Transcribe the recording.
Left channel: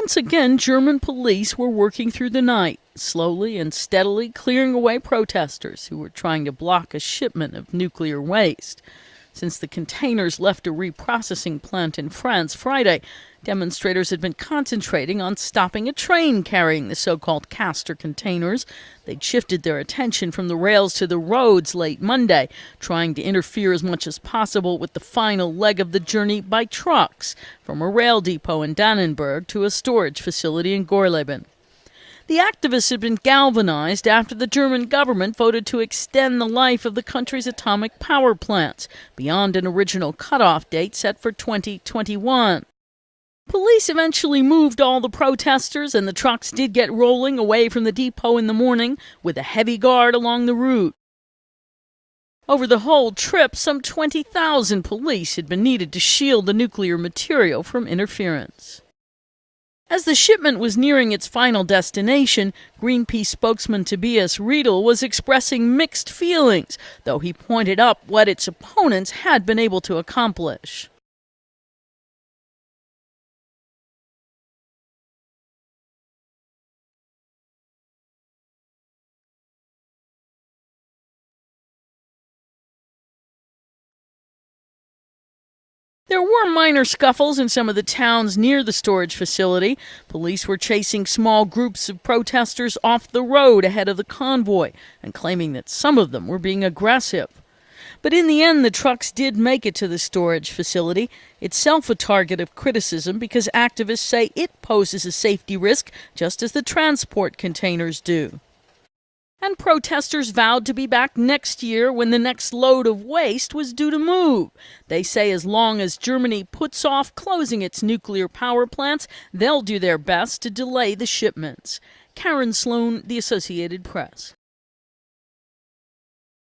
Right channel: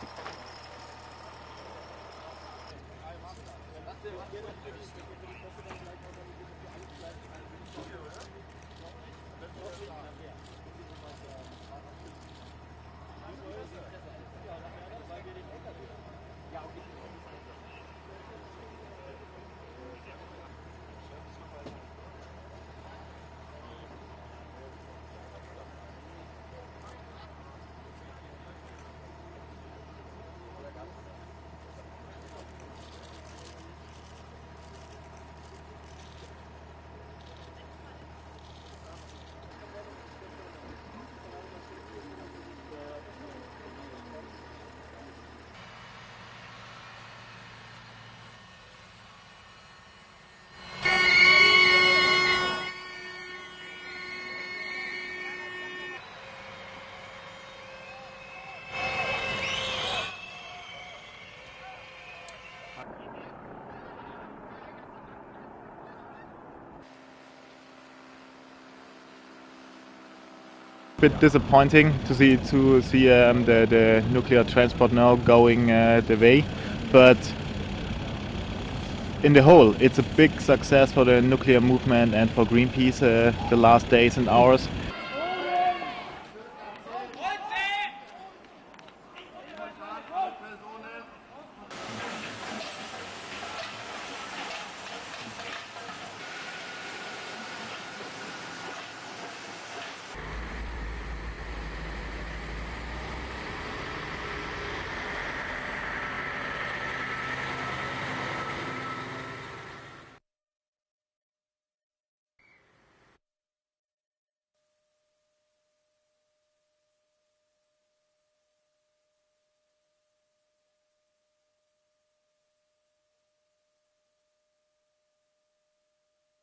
Once again, German police were working through the night, slowly and steadily clearing away protesters who were trying to block a shipment of nuclear waste. Since the containers left a reprocessing plant in France Friday, demonstrators had been concentrating on stopping a train carrying the so-called castor containers. They'd shifted their attention from the rails to the roads late Monday, trying to interfere as much as possible with the final leg of the journey by trucks from a rail depot in Dannenberg to a storage facility in Gorleben. The activists had been galvanized after the German government voted to extend the life of the country's atomic power plants beyond an original cutoff date set for 2021. Police eventually moved all the protesters, and the trucks did get rolling away from the depot in the morning with a heavy guard along the route. Over the whole trip, some 20,000 police had been needed to shield the nuclear material from interference. As the shipment was nearing its final destination, Greenpeace spokesman Tobias Riedl was expressing mixed feelings, though he pointed up what its opponents had been able to accomplish. A bit disappointing to see the nuclear transport now going the way, but in the whole, it's a big success for the nuclear movement and for Greenpeace the last days and hours. There were minor scuffles in some of the towns near the storage facility. Police were chasing small groups of protesters off the road ahead of the convoy and claiming that some of them were being aggressive. But in the end, the trucks did make it to the storage facility, itself a target of criticism because activists say it poses a safety risk just as the transport containers do. And protesters vowed to be back next year when the next load of waste was due to move. They say as long as Germany puts off closing its nuclear power plants, they'll do their best to delay the shipments. Karen Sloan, The Associated Press.